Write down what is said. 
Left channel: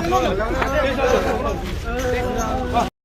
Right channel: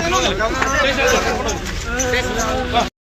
别下去，别下去。